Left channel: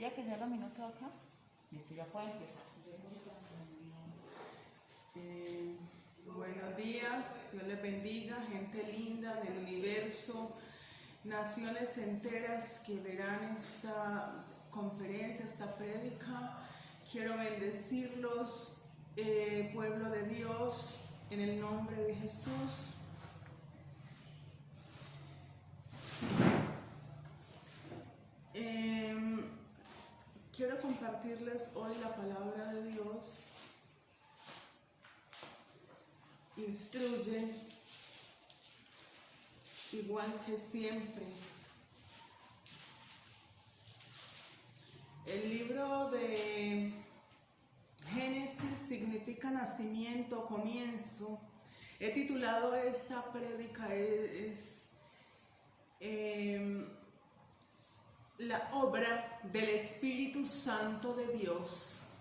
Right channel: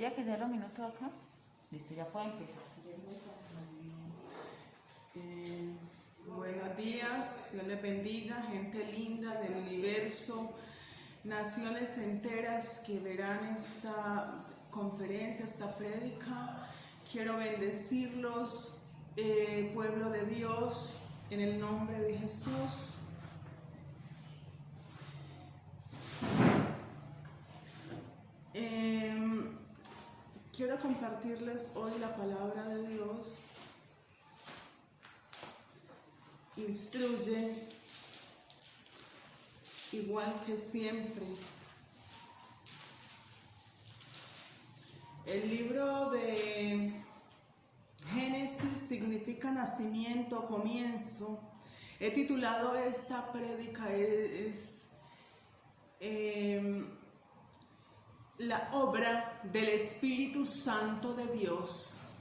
Ya que 0 minutos acá. Listo, ya puede empezar. Buenos días, Dios les bendiga, gente linda del universo, naciones enteras que verán esta conferencia, esta prédica. Quiero bendecirlos, pueblo de Dios, en el nombre de Jesús. Quiero compartirles hoy la palabra de Dios. Instruye igual que siempre. El libro de Génesis significa nacimiento, comienzo. He titulado esta prédica la obra del Espíritu Santo de Dios.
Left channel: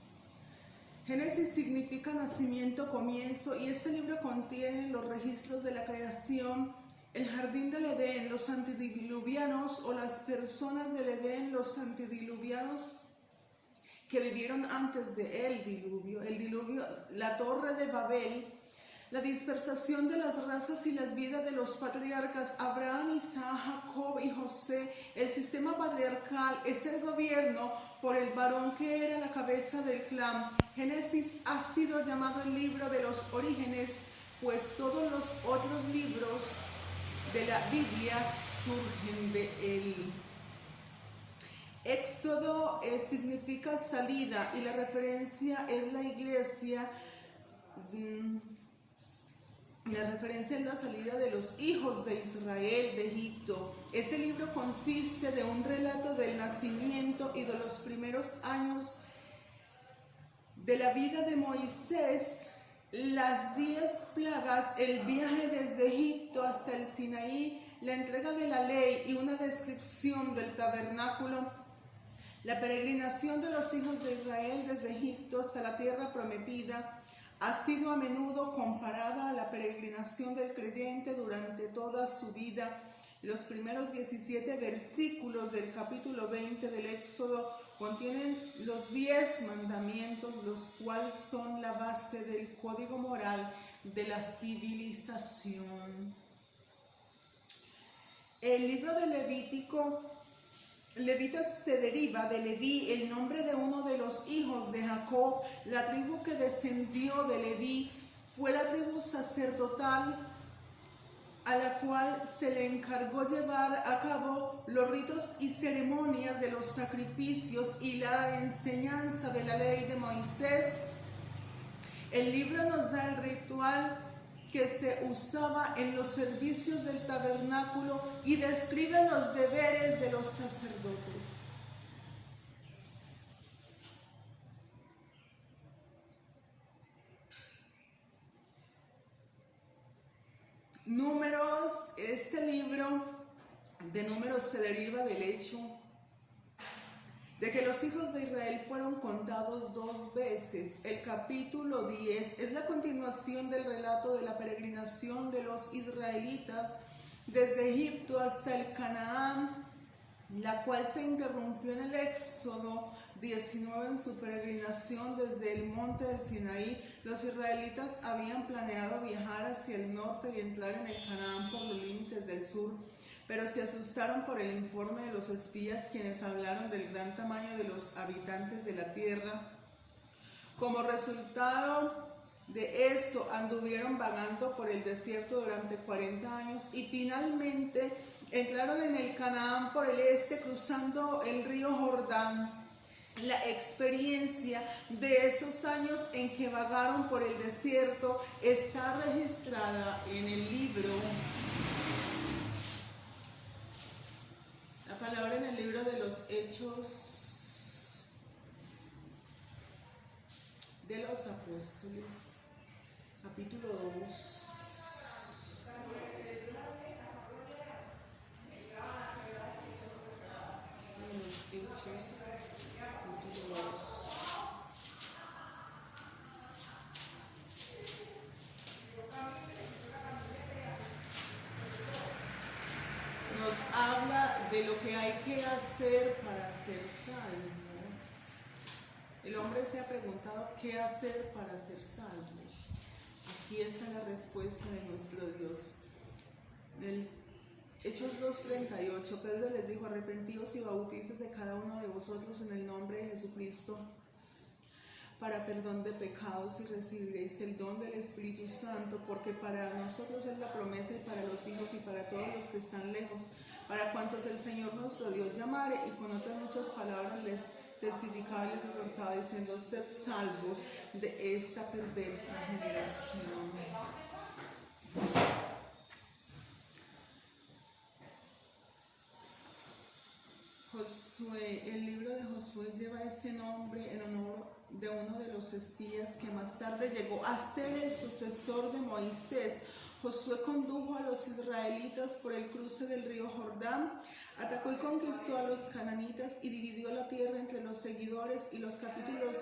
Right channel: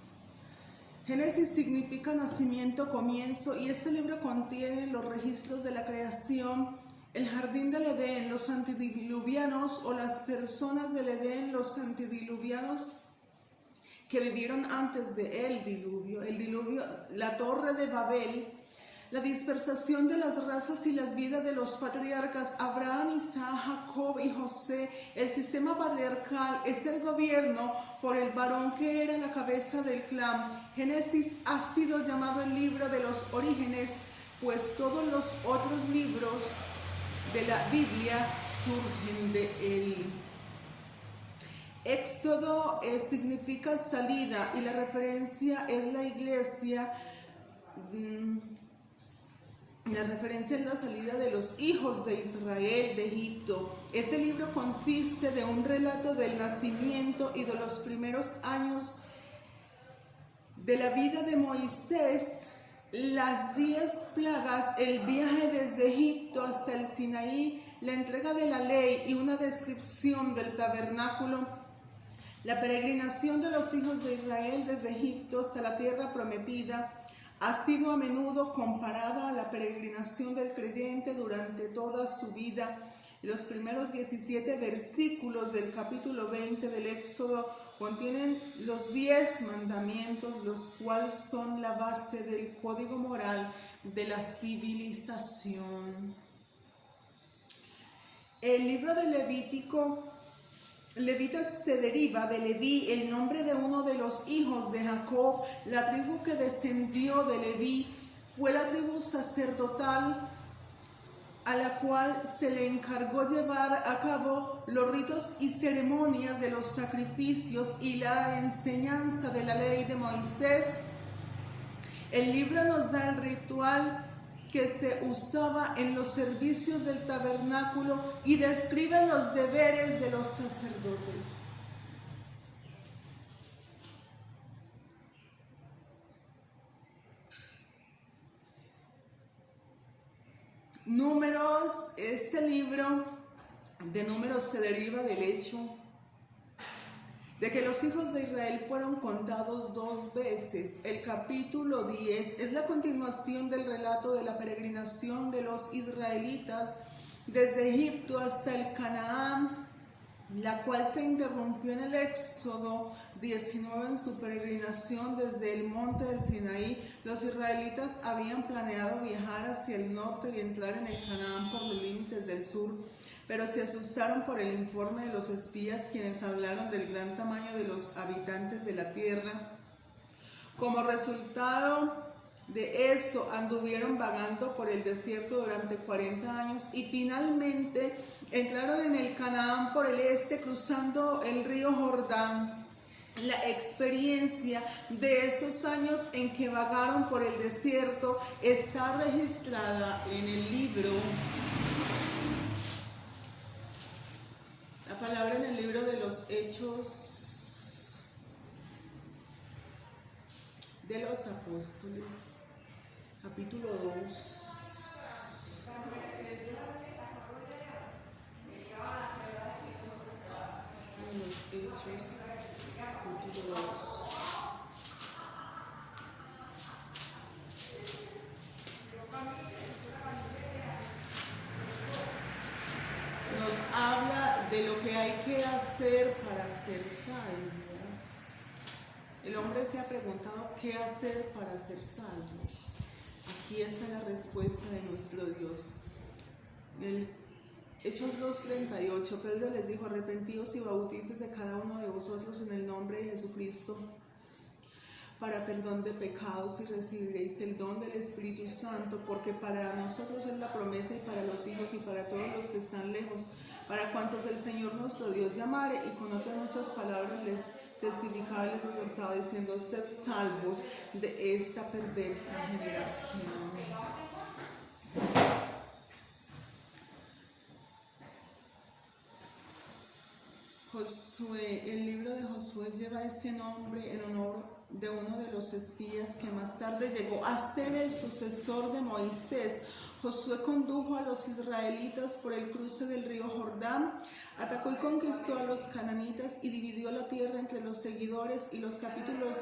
Génesis significa nacimiento, comienzo, y este libro contiene los registros de la creación, el jardín del Edén, los antediluvianos o las personas del Edén, los antediluvianos que vivieron antes del diluvio, la torre de Babel, la dispersación de las razas y las vidas de los patriarcas Abraham, Isaac, Jacob y José. El sistema patriarcal es el gobierno por el varón que era la cabeza del clan. Génesis ha sido llamado el libro de los orígenes, pues todos los otros libros de la Biblia surgen de él. Éxodo significa salida y la referencia es la iglesia. La referencia es la salida de los hijos de Israel de Egipto. Este libro consiste de un relato del nacimiento y de los primeros años de la vida de Moisés, las 10 plagas, el viaje desde Egipto hasta el Sinaí, la entrega de la ley y una descripción del tabernáculo, la peregrinación de los hijos de Israel desde Egipto hasta la tierra prometida. Ha sido a menudo comparada a la peregrinación del creyente durante toda su vida. Los primeros 17 versículos del capítulo 20 del Éxodo contienen los 10 mandamientos, los cuales son la base del código moral de la civilización. El libro de Levitas se deriva de Leví, el nombre de uno de los hijos de Jacob. La tribu que descendió de Leví fue la tribu sacerdotal a la cual se le encargó llevar a cabo los ritos y ceremonias de los sacrificios y la enseñanza de la ley de Moisés. El libro nos da el ritual que se usaba en los servicios del tabernáculo y describe los deberes de los sacerdotes. Números, este libro de Números se deriva del hecho de que los hijos de Israel fueron contados 2 veces. El capítulo 10 es la continuación del relato de la peregrinación de los israelitas desde Egipto hasta el Canaán, la cual se interrumpió en el Éxodo 19 en su peregrinación desde el monte del Sinaí. Los israelitas habían planeado viajar hacia el norte y entrar en el Canaán por los límites del sur, pero se asustaron por el informe de los espías, quienes hablaron del gran tamaño de los habitantes de la tierra. Como resultado de eso, anduvieron vagando por el desierto durante 40 años y finalmente entraron en el Canaán por el este, cruzando el río Jordán. La experiencia de esos años en que vagaron por el desierto está registrada en el libro. La palabra en el libro de los Hechos de los Apóstoles, capítulo 2. En los Hechos, capítulo 2. Nos habla de lo que hay que hacer para ser salvo. El hombre se ha preguntado qué hacer para ser salvos. Aquí está la respuesta de nuestro Dios. En Hechos 2:38, Pedro les dijo: arrepentíos y bautícese cada uno de vosotros en el nombre de Jesucristo para perdón de pecados, y recibiréis el don del Espíritu Santo, porque para nosotros es la promesa, y para los hijos, y para todos los que están lejos, para cuantos el Señor nuestro Dios llamare. Y con otras muchas palabras les testificaba y les exhortaba, diciendo: sed salvos de esta perversa generación. Josué, el libro de Josué lleva ese nombre en honor de uno de los espías que más tarde llegó a ser el sucesor de Moisés. Josué condujo a los israelitas por el cruce del río Jordán, atacó y conquistó a los cananitas y dividió la tierra entre los seguidores, y los capítulos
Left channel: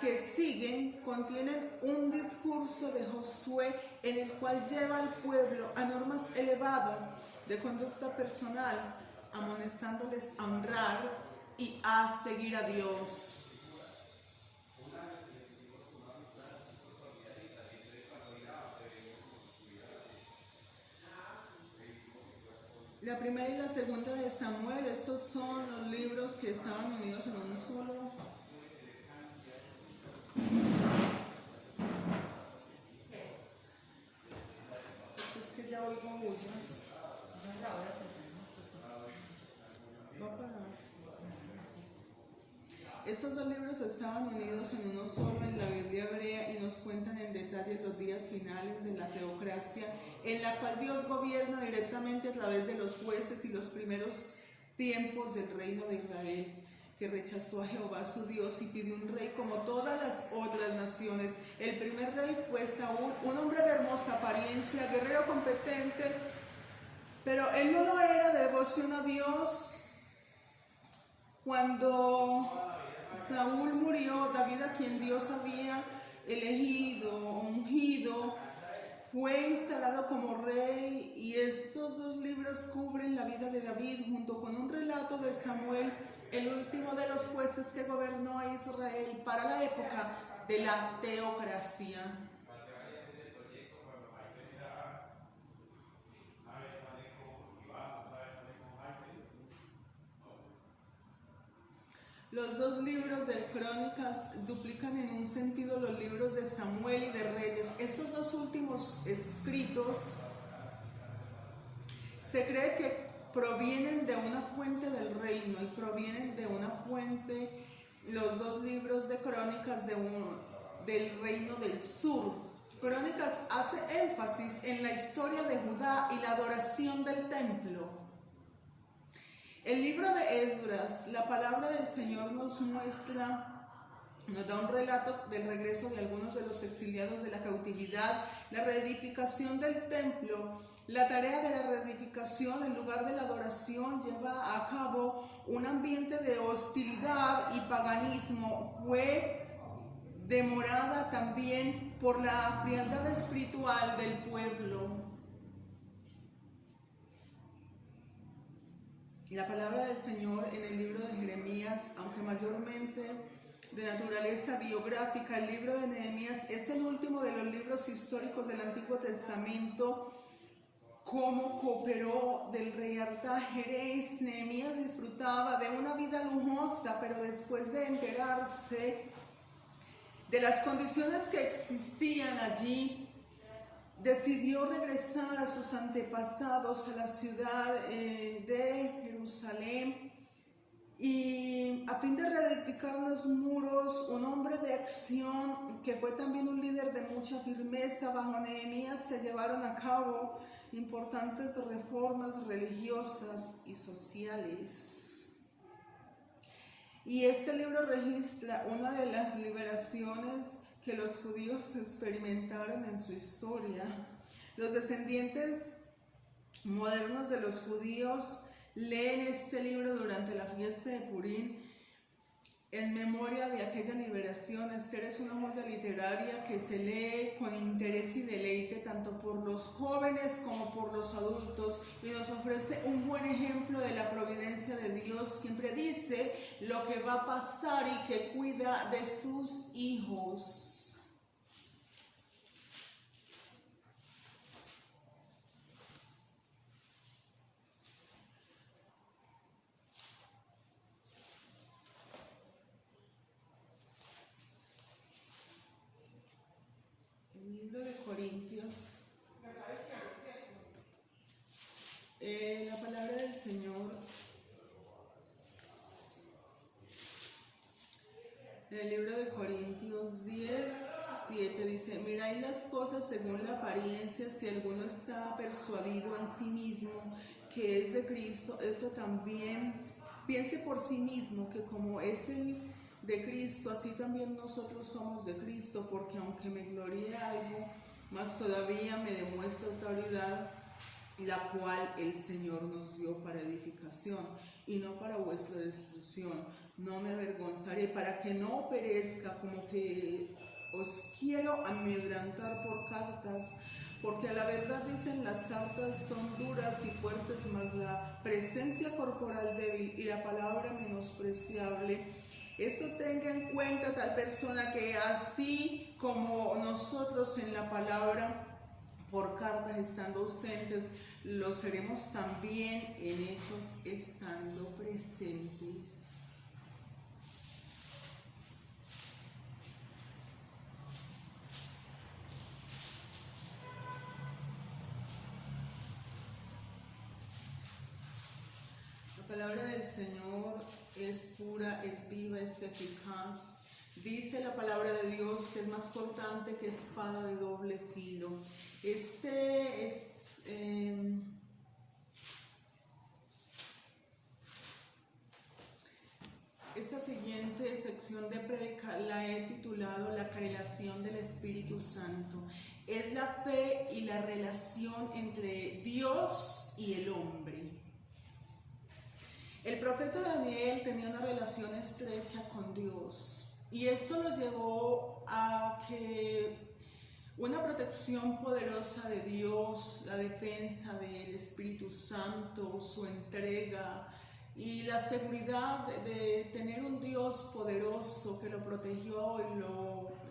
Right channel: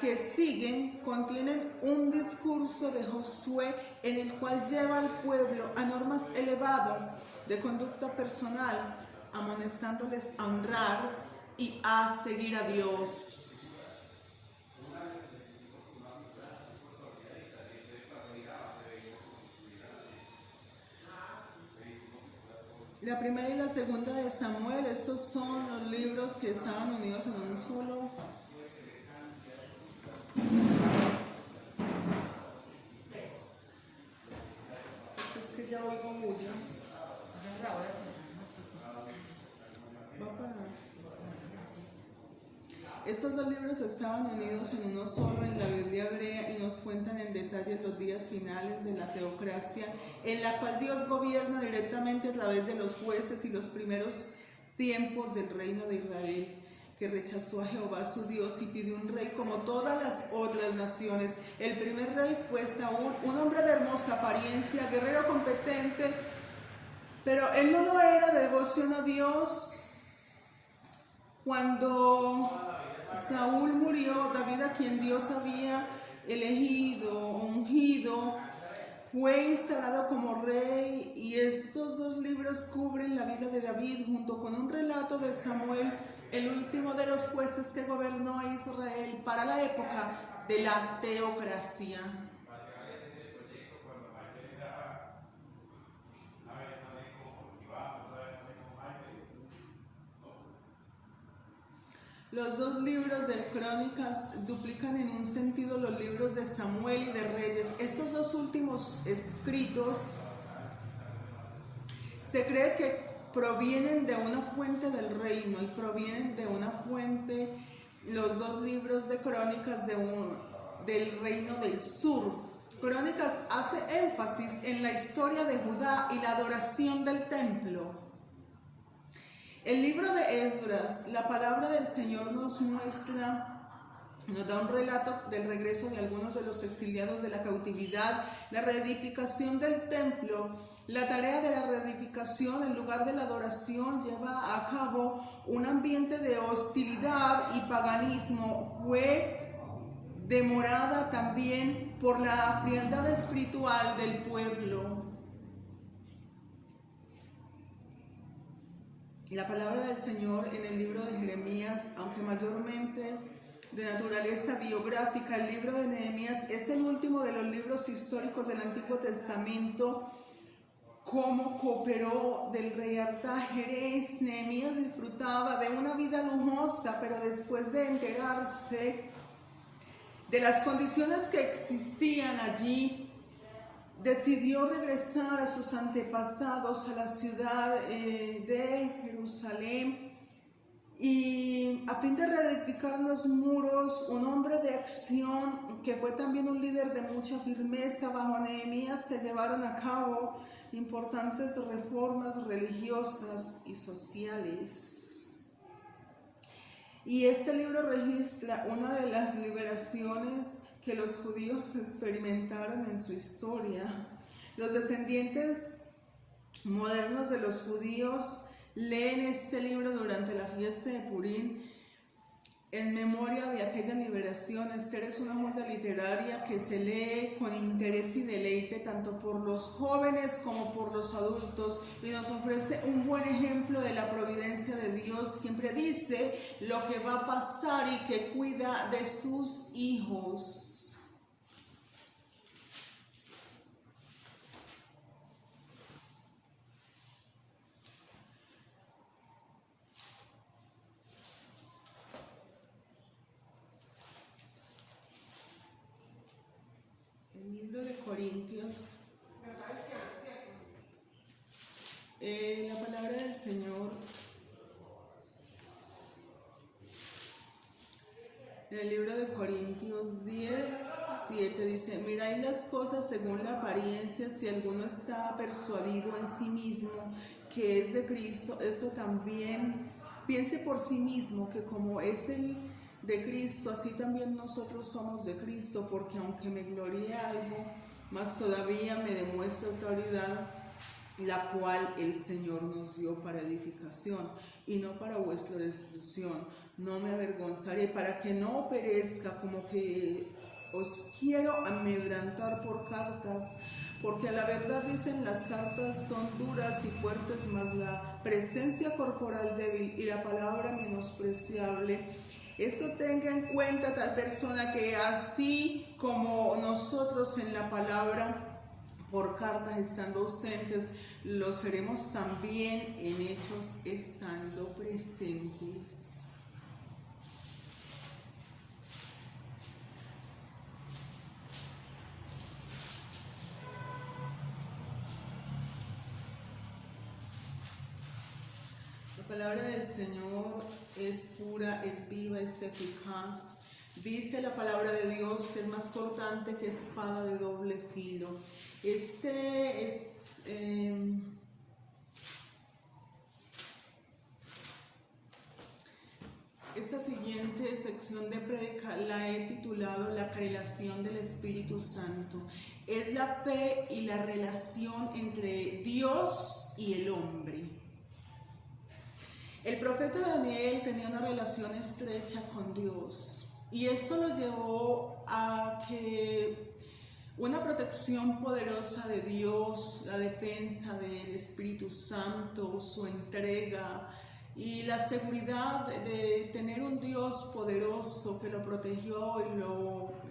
que siguen contienen un discurso de Josué en el cual lleva al pueblo a normas elevadas de conducta personal, amonestándoles a honrar y a seguir a Dios. La primera y la segunda de Samuel, estos son los libros que estaban unidos en un solo. Es que yo oigo bullas. Va a parar. Estos dos libros estaban unidos en uno solo en la Biblia hebrea y nos cuentan en detalle los días finales de la teocracia, en la cual Dios gobierna directamente a través de los jueces, y los primeros tiempos del reino de Israel, que rechazó a Jehová su Dios y pidió un rey como todas las otras naciones. El primer rey fue Saúl, un hombre de hermosa apariencia, guerrero competente, pero él no lo era de devoción a Dios. Cuando Saúl murió, David, a quien Dios había elegido, ungido, fue instalado como rey, y estos dos libros cubren la vida de David junto con un relato de Samuel, el último de los jueces que gobernó a Israel para la época de la teocracia. Los dos libros de Crónicas duplican en un sentido los libros de Samuel y de Reyes. Estos dos últimos escritos se cree que provienen de una fuente del reino, y provienen de una fuente, los dos libros de Crónicas, del reino del sur. Crónicas hace énfasis en la historia de Judá y la adoración del templo. El libro de Esdras, la palabra del Señor nos da un relato del regreso de algunos de los exiliados de la cautividad, la reedificación del templo. La tarea de la reedificación, en lugar de la adoración, lleva a cabo un ambiente de hostilidad y paganismo. Fue demorada también por la frialdad espiritual del pueblo. La palabra del Señor en el libro de Jeremías, aunque mayormente de naturaleza biográfica, el libro de Nehemías es el último de los libros históricos del Antiguo Testamento. Cómo cooperó del rey Artajerjes. Nehemías disfrutaba de una vida lujosa, pero después de enterarse de las condiciones que existían allí, decidió regresar a sus antepasados, a la ciudad de Jerusalén, y a fin de reedificar los muros. Un hombre de acción, que fue también un líder de mucha firmeza, bajo Nehemías se llevaron a cabo importantes reformas religiosas y sociales. Y este libro registra una de las liberaciones que los judíos experimentaron en su historia. Los descendientes modernos de los judíos leen este libro durante la fiesta de Purim, en memoria de aquella liberación. Esther es una joya literaria que se lee con interés y deleite tanto por los jóvenes como por los adultos, y nos ofrece un buen ejemplo de la providencia de Dios, quien predice lo que va a pasar y que cuida de sus hijos. El libro de Corintios, la palabra del Señor, en el libro de Corintios 10:7 dice: mirad las cosas según la apariencia, si alguno está persuadido en sí mismo que es de Cristo, esto también piense por sí mismo que como es el de Cristo, así también nosotros somos de Cristo, porque aunque me gloríe algo, más todavía me demuestra autoridad, la cual el Señor nos dio para edificación y no para vuestra destrucción. No me avergonzaré, para que no perezca, como que os quiero amedrentar por cartas, porque a la verdad dicen las cartas son duras y fuertes, mas la presencia corporal débil y la palabra menospreciable. Eso tenga en cuenta tal persona, que así como nosotros en la palabra por cartas estando ausentes, lo seremos también en hechos estando presentes. La palabra del Señor es pura, es viva, es eficaz. Dice la palabra de Dios que es más cortante que espada de doble filo. Esta siguiente sección de prédica la he titulado La relación del Espíritu Santo. Es la fe y la relación entre Dios y el hombre. El profeta Daniel tenía una relación estrecha con Dios, y esto lo llevó a que una protección poderosa de Dios, la defensa del Espíritu Santo, su entrega y la seguridad de tener un Dios poderoso que lo protegió y lo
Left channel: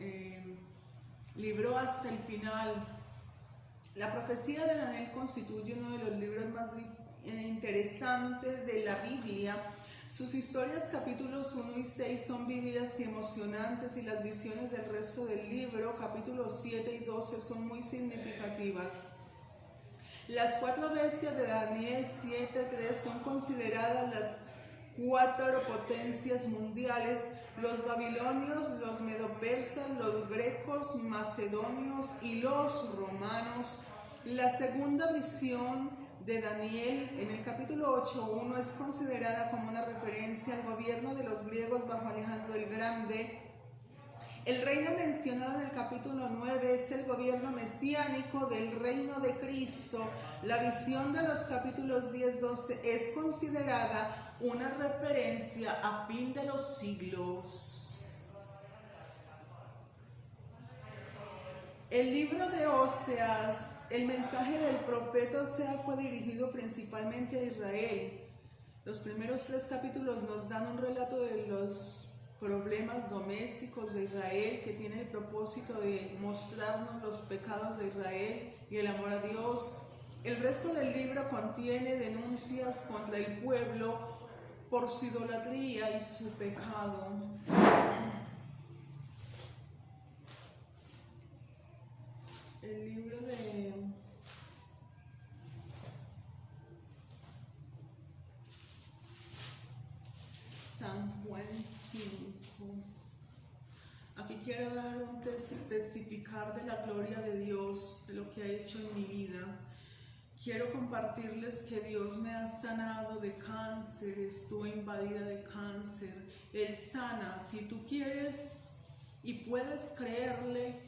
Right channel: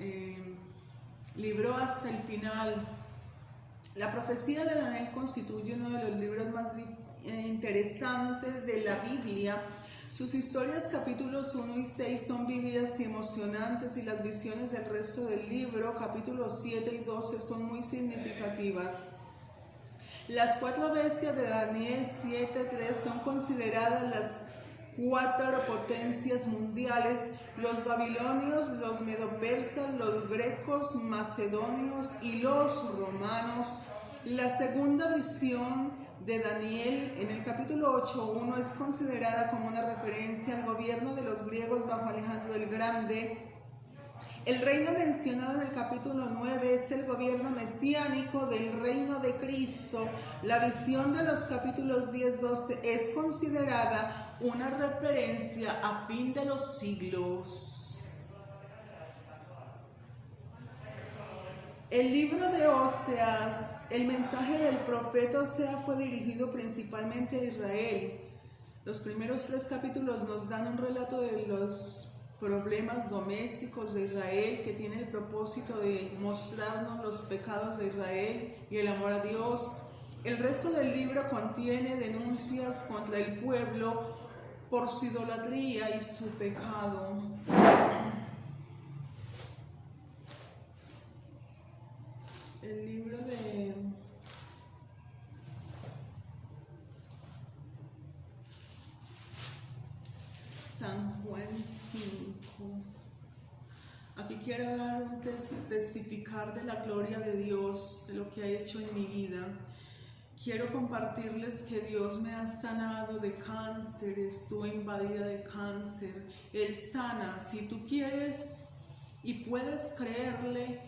libró hasta el final. La profecía de Daniel constituye uno de los libros más interesantes de la Biblia. Sus historias, capítulos 1 y 6, son vívidas y emocionantes, y las visiones del resto del libro, capítulos 7 y 12, son muy significativas. Las cuatro bestias de Daniel 7:3 son consideradas las cuatro potencias mundiales: los babilonios, los medopersas, los grecos, macedonios y los romanos. La segunda visión de Daniel en el capítulo 8:1 es considerada como una referencia al gobierno de los griegos bajo Alejandro el Grande. El reino mencionado en el capítulo 9 es el gobierno mesiánico del reino de Cristo. La visión de los capítulos 10-12 es considerada una referencia a fin de los siglos. El libro de Oseas, el mensaje del profeta Oseas fue dirigido principalmente a Israel. Los primeros 3 capítulos nos dan un relato de los problemas domésticos de Israel, que tiene el propósito de mostrarnos los pecados de Israel y el amor a Dios. El resto del libro contiene denuncias contra el pueblo por su idolatría y su pecado. El libro de San Juan 5. Aquí quiero dar un testificar de la gloria de Dios, de lo que ha hecho en mi vida. Quiero compartirles que Dios me ha sanado de cáncer. Estuve invadida de cáncer. Él sana. Si tú quieres y puedes creerle,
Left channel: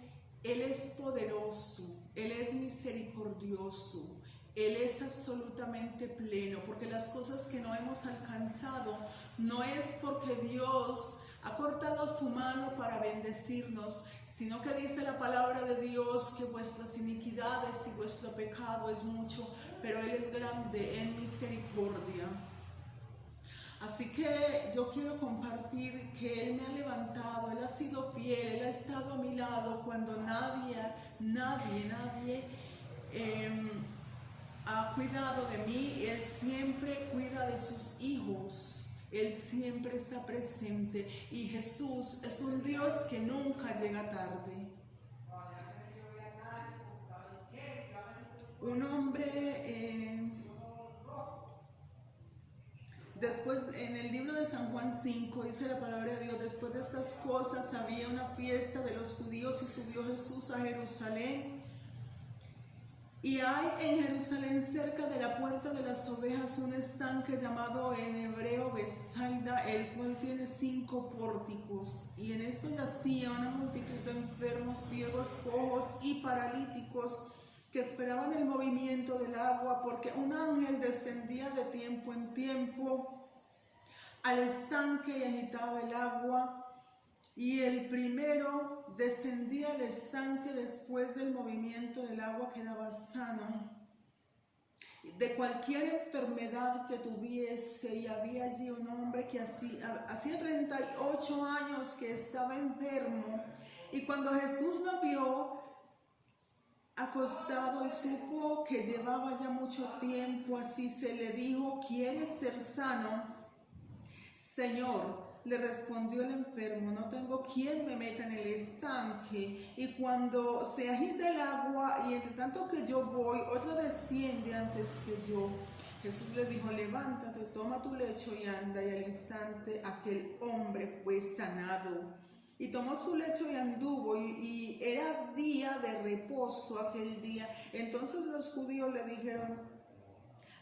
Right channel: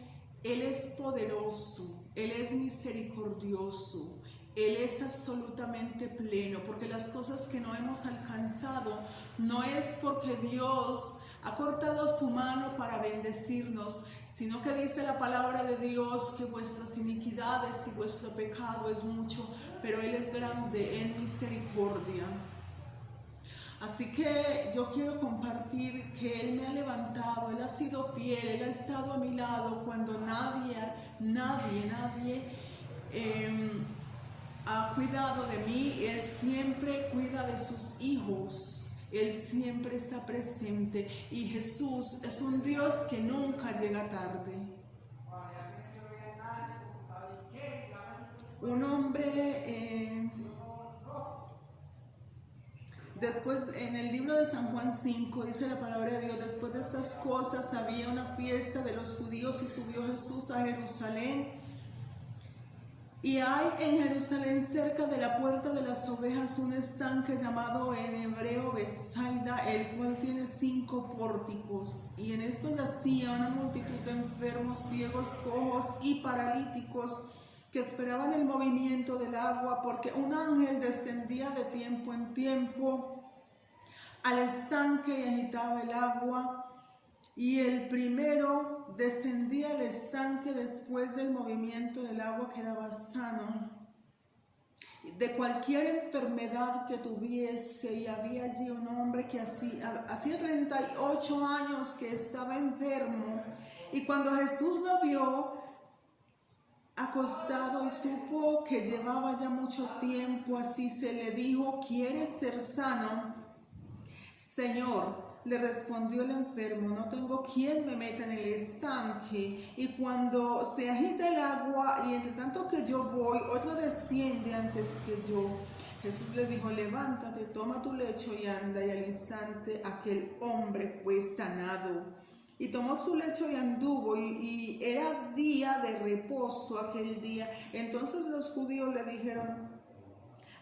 Él es poderoso, Él es misericordioso, Él es absolutamente pleno, porque las cosas que no hemos alcanzado no es porque Dios ha cortado su mano para bendecirnos, sino que dice la palabra de Dios que vuestras iniquidades y vuestro pecado es mucho, pero Él es grande en misericordia. Así que yo quiero compartir que Él me ha levantado, Él ha sido fiel, Él ha estado a mi lado cuando nadie ha cuidado de mí. Él siempre cuida de sus hijos, Él siempre está presente, y Jesús es un Dios que nunca llega tarde. Un hombre, después en el libro de San Juan 5 dice la palabra de Dios: después de estas cosas había una fiesta de los judíos y subió Jesús a Jerusalén. Y hay en Jerusalén, cerca de la puerta de las ovejas, un estanque llamado en hebreo Betsaida, el cual tiene 5 pórticos. Y en esto yacía una multitud de enfermos, ciegos, cojos y paralíticos, que esperaban el movimiento del agua, porque un ángel descendía de tiempo en tiempo al estanque y agitaba el agua. Y el primero descendía al estanque después del movimiento del agua, quedaba sano de cualquier enfermedad que tuviese. Y había allí un hombre que hacía 38 años que estaba enfermo. Y cuando Jesús lo vio acostado y supo que llevaba ya mucho tiempo así, se le dijo: ¿quieres ser sano? Señor, le respondió el enfermo, no tengo quien me meta en el estanque, y cuando se agita el agua, y entre tanto que yo voy, otro desciende antes que yo. Jesús le dijo: levántate, toma tu lecho y anda. Y al instante aquel hombre fue sanado. Y tomó su lecho y anduvo, y era día de reposo aquel día. Entonces los judíos le dijeron:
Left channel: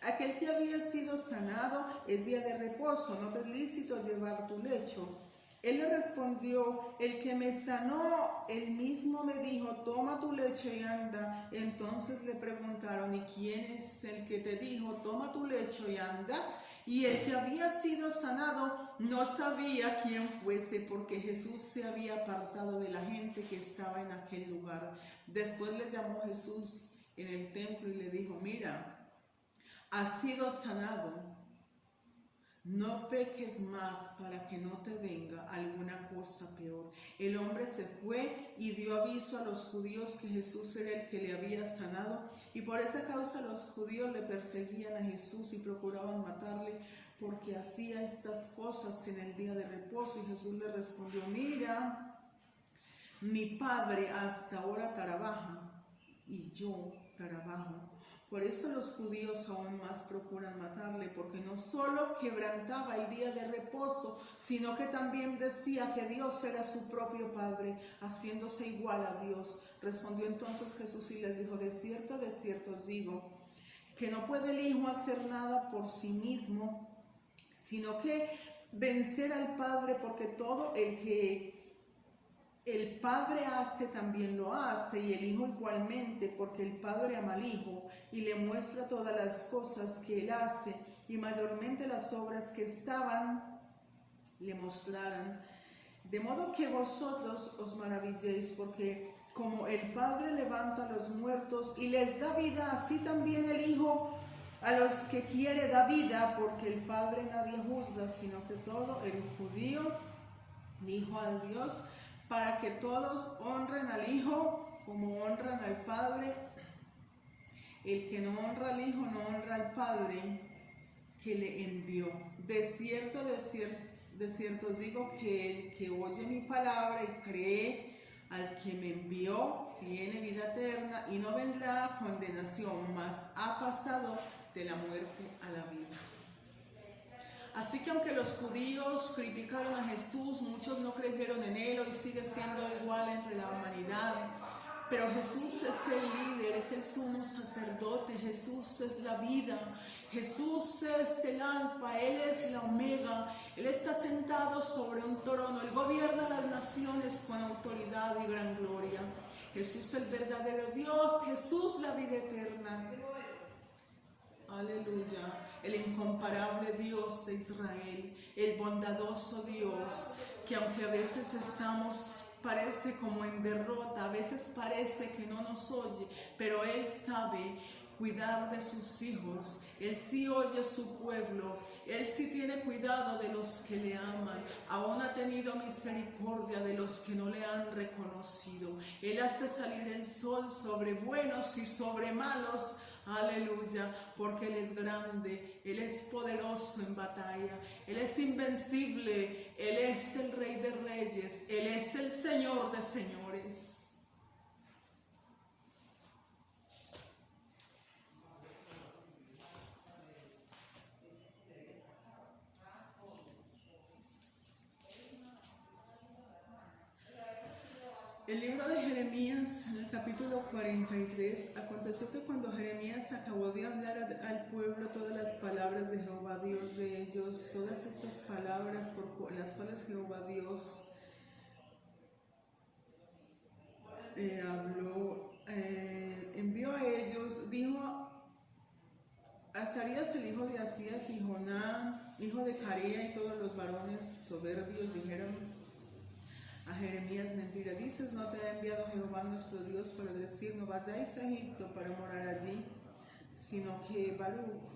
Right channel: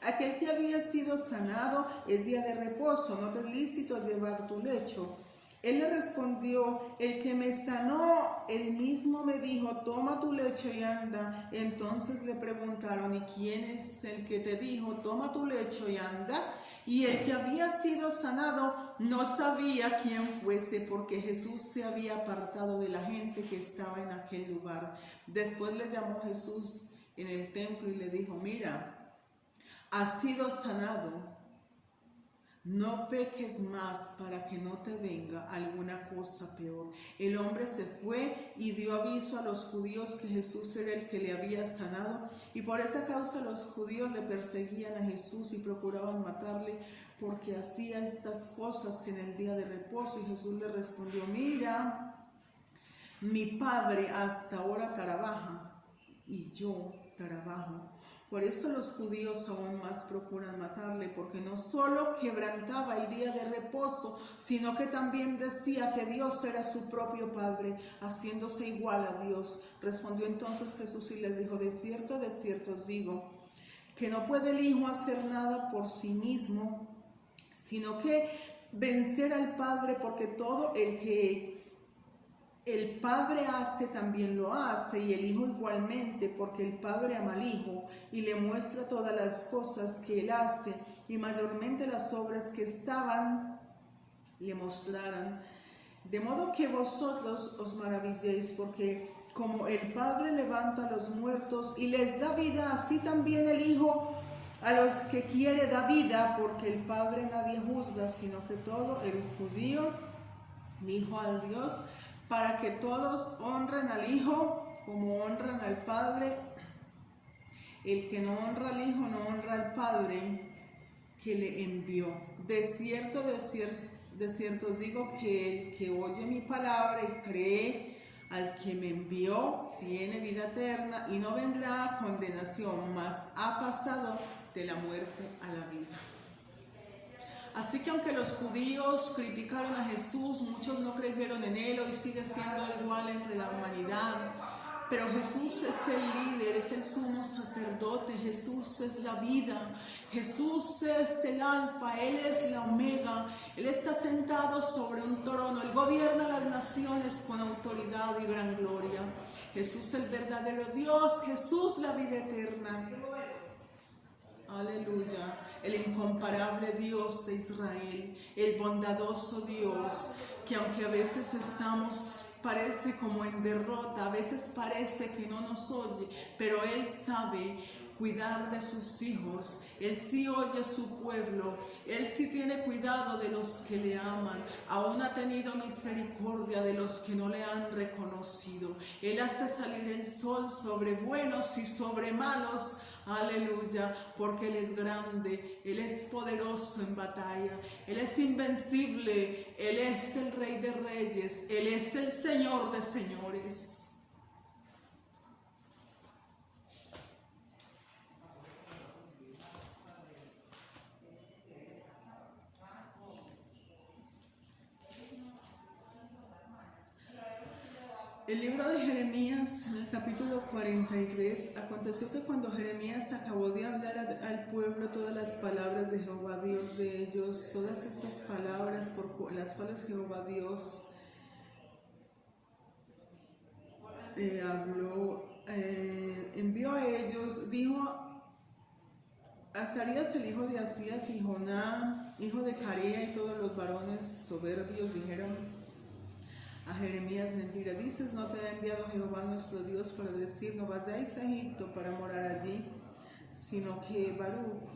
aquel que había sido sanado es día de reposo, no te es lícito llevar tu lecho. Él le respondió: el que me sanó, él mismo me dijo: toma tu lecho y anda. Entonces le preguntaron: ¿y quién es el que te dijo: toma tu lecho y anda? Y el que había sido sanado no sabía quién fuese, porque Jesús se había apartado de la gente que estaba en aquel lugar. Después le llamó Jesús en el templo y le dijo: mira, has sido sanado, no peques más para que no te venga alguna cosa peor. El hombre se fue y dio aviso a los judíos que Jesús era el que le había sanado, y por esa causa los judíos le perseguían a Jesús y procuraban matarle, porque hacía estas cosas en el día de reposo. Y Jesús le respondió: mira, mi Padre hasta ahora trabaja y yo trabajo. Por eso los judíos aún más procuran matarle, porque no solo quebrantaba el día de reposo, sino que también decía que Dios era su propio Padre, haciéndose igual a Dios. Respondió entonces Jesús y les dijo: de cierto os digo, que no puede el Hijo hacer nada por sí mismo, sino que vencer al Padre, porque todo el que el Padre hace también lo hace, y el Hijo igualmente, porque el Padre ama al Hijo y le muestra todas las cosas que Él hace, y mayormente las obras que estaban le mostrarán. De modo que vosotros os maravilléis, porque como el Padre levanta a los muertos y les da vida, así también el Hijo a los que quiere da vida, porque el Padre nadie juzga, sino que todo el judío dijo al Dios, para que todos honren al Hijo como honran al Padre. El que no honra al Hijo no honra al Padre que le envió. De cierto os digo que el que oye mi palabra y cree al que me envió tiene vida eterna y no vendrá a condenación, mas ha pasado de la muerte a la vida. Así que aunque los judíos criticaron a Jesús, muchos no creyeron en Él, hoy sigue siendo igual entre la humanidad. Pero Jesús es el líder, es el sumo sacerdote, Jesús es la vida, Jesús es el alfa, Él es la omega, Él está sentado sobre un trono, Él gobierna las naciones con autoridad y gran gloria. Jesús el verdadero Dios, Jesús la vida eterna. Aleluya. El incomparable Dios de Israel, el bondadoso Dios. que aunque a veces parece como en derrota, a veces parece que no nos oye, pero Él sabe cuidar de sus hijos. Él sí oye a su pueblo, Él sí tiene cuidado de los que le aman, aún ha tenido misericordia de los que no le han reconocido. Él hace salir el sol sobre buenos y sobre malos. Aleluya, porque Él es grande, Él es poderoso en batalla, Él es invencible, Él es el Rey de Reyes, Él es el Señor de señores. El libro de Jeremías, en el capítulo 43, aconteció que cuando Jeremías acabó de hablar al pueblo todas las palabras de Jehová Dios de ellos, todas estas palabras por las cuales Jehová Dios envió a ellos, dijo a Azarías el hijo de Asías y Jonán, hijo de Carea, y todos los varones soberbios dijeron a Jeremías: mentira dices, no te ha enviado Jehová nuestro Dios para decir, no vayáis a Egipto para morar allí, sino que Baruch,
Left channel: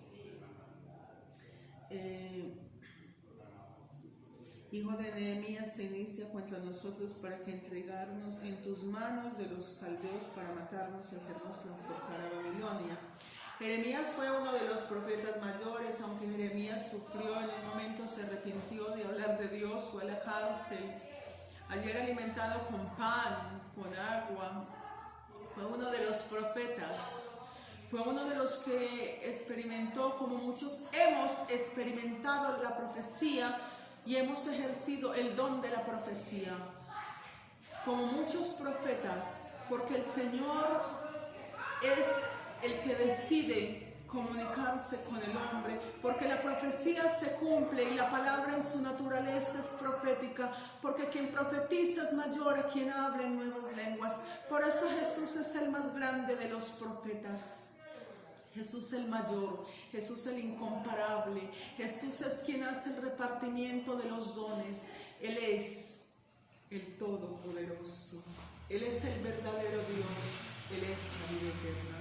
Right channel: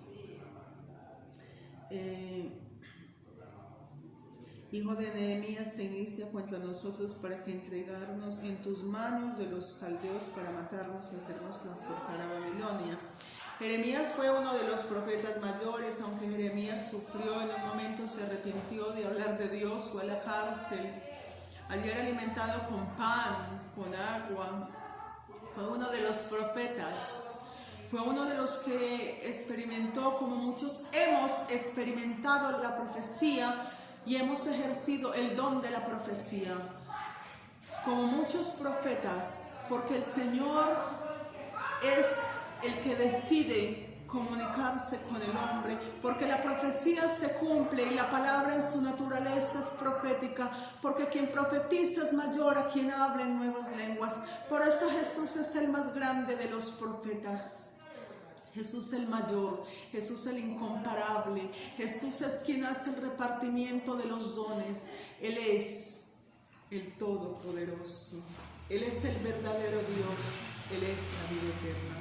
hijo de Nehemías, se inicia contra nosotros para que entregarnos en tus manos de los caldeos para matarnos y hacernos transportar a Babilonia. Jeremías fue uno de los profetas mayores, aunque Jeremías sufrió, en un momento se arrepintió de hablar de Dios, fue a la cárcel. Ayer alimentado con pan, con agua, fue uno de los profetas, fue uno de los que experimentó, como muchos hemos experimentado la profecía y hemos ejercido el don de la profecía, como muchos profetas, porque el Señor es el que decide comunicarse con el hombre, porque la profecía se cumple y la palabra en su naturaleza es profética, porque quien profetiza es mayor a quien habla en nuevas lenguas. Por eso Jesús es el más grande de los profetas, Jesús el mayor, Jesús el incomparable, Jesús es quien hace el repartimiento de los dones. Él es el Todopoderoso, Él es el verdadero Dios, Él es la vida eterna.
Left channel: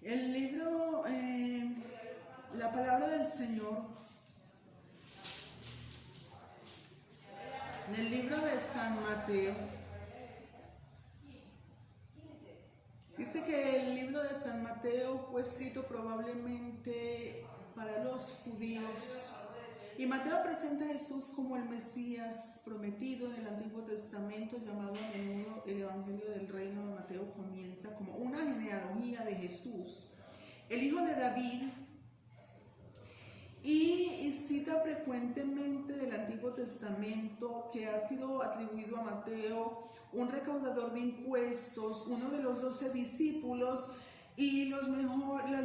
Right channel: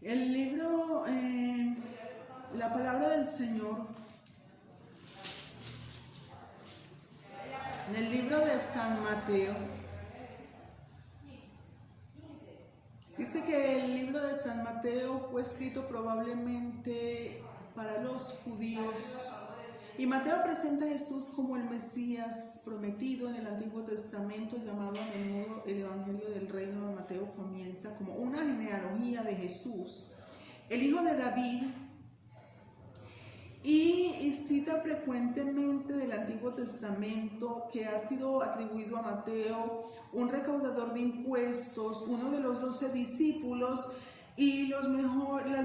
El libro, la palabra del Señor, en el libro de San Mateo, dice que el libro de San Mateo fue escrito probablemente para los judíos. Y Mateo presenta a Jesús como el Mesías prometido en el Antiguo Testamento, llamado a menudo el Evangelio del Reino de Mateo. Comienza como una genealogía de Jesús, el hijo de David, y cita frecuentemente del Antiguo Testamento que ha sido atribuido a Mateo, un recaudador de impuestos, uno de los 12 discípulos, y las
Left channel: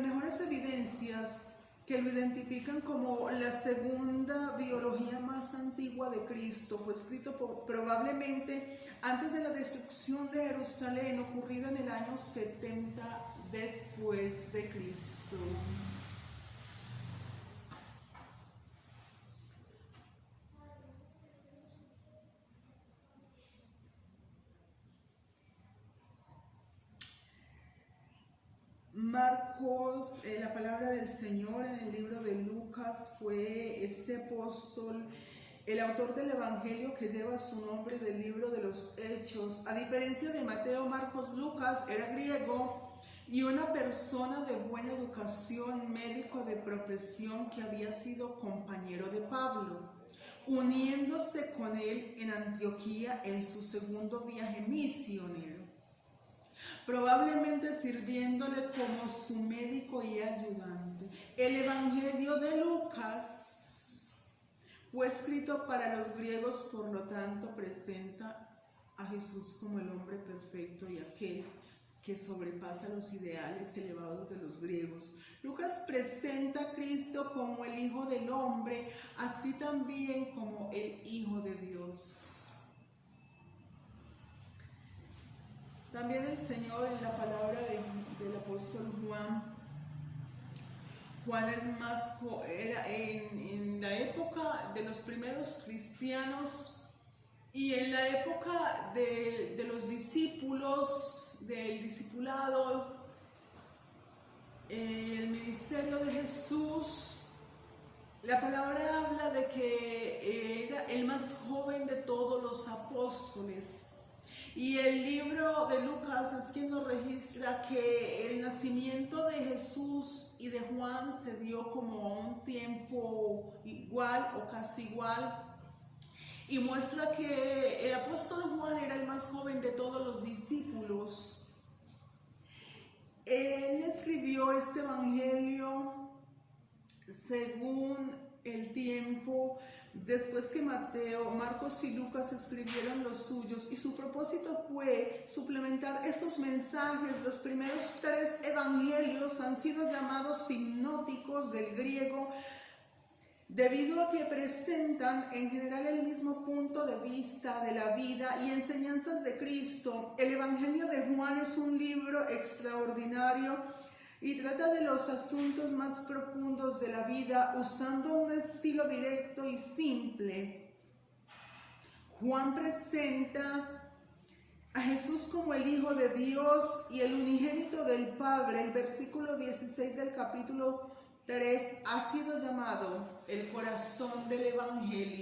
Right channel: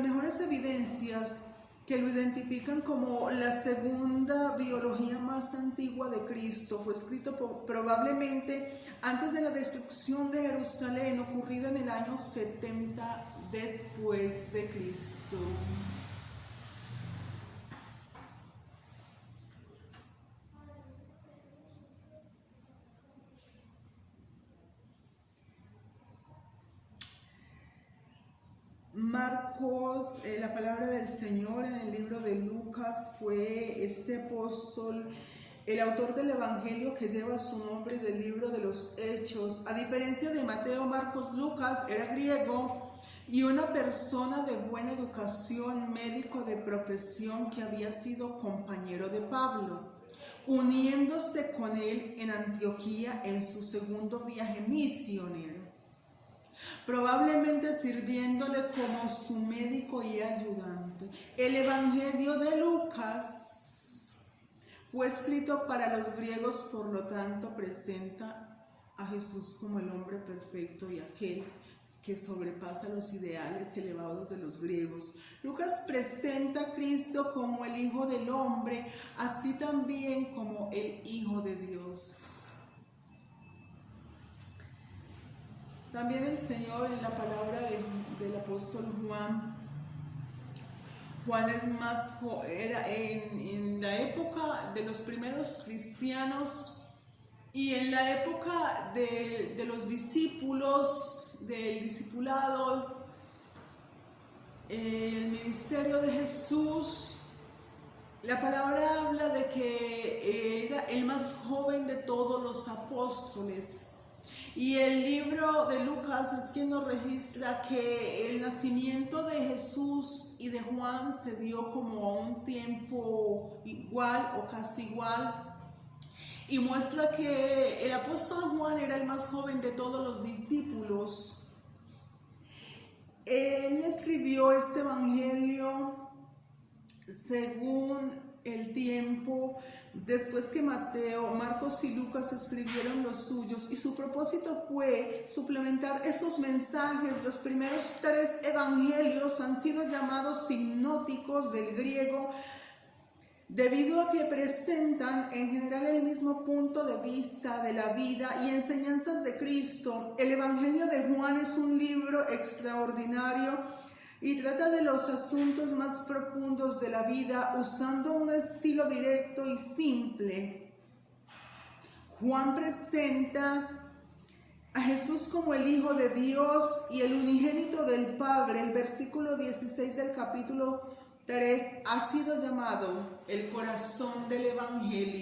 mejores evidencias que lo identifican como la segunda biología más antigua de Cristo. Fue escrito probablemente antes de la destrucción de Jerusalén, ocurrida en el año 70 después de Cristo. Marcos, la palabra del Señor en el libro de Lucas, fue este apóstol el autor del evangelio que lleva su nombre del libro de los Hechos. A diferencia de Mateo, Marcos, Lucas era griego y una persona de buena educación, médico de profesión que había sido compañero de Pablo, uniéndose con él en Antioquía en su segundo viaje misionero, probablemente sirviéndole como su médico y ayudante. El Evangelio de Lucas fue escrito para los griegos, por lo tanto presenta a Jesús como el hombre perfecto y aquel que sobrepasa los ideales elevados de los griegos. Lucas presenta a Cristo como el Hijo del Hombre, así también como el Hijo de Dios. También el Señor en la palabra del apóstol Juan es más, era en la época de los primeros cristianos y en la época de los discípulos, del discipulado, el ministerio de Jesús. La palabra habla de que era el más joven de todos los apóstoles. Y el libro de Lucas es quien nos registra que el nacimiento de Jesús y de Juan se dio como a un tiempo igual o casi igual. Y muestra que el apóstol Juan era el más joven de todos los discípulos. Él escribió este evangelio según el tiempo, después que Mateo, Marcos y Lucas escribieron los suyos, y su propósito fue suplementar esos mensajes. Los primeros 3 evangelios han sido llamados sinópticos del griego, debido a que presentan en general el mismo punto de vista de la vida y enseñanzas de Cristo. El Evangelio de Juan es un libro extraordinario y trata de los asuntos más profundos de la vida usando un estilo directo y simple. Juan presenta a Jesús como el Hijo de Dios y el unigénito del Padre. El versículo 16 del capítulo 3 ha sido llamado el corazón del Evangelio.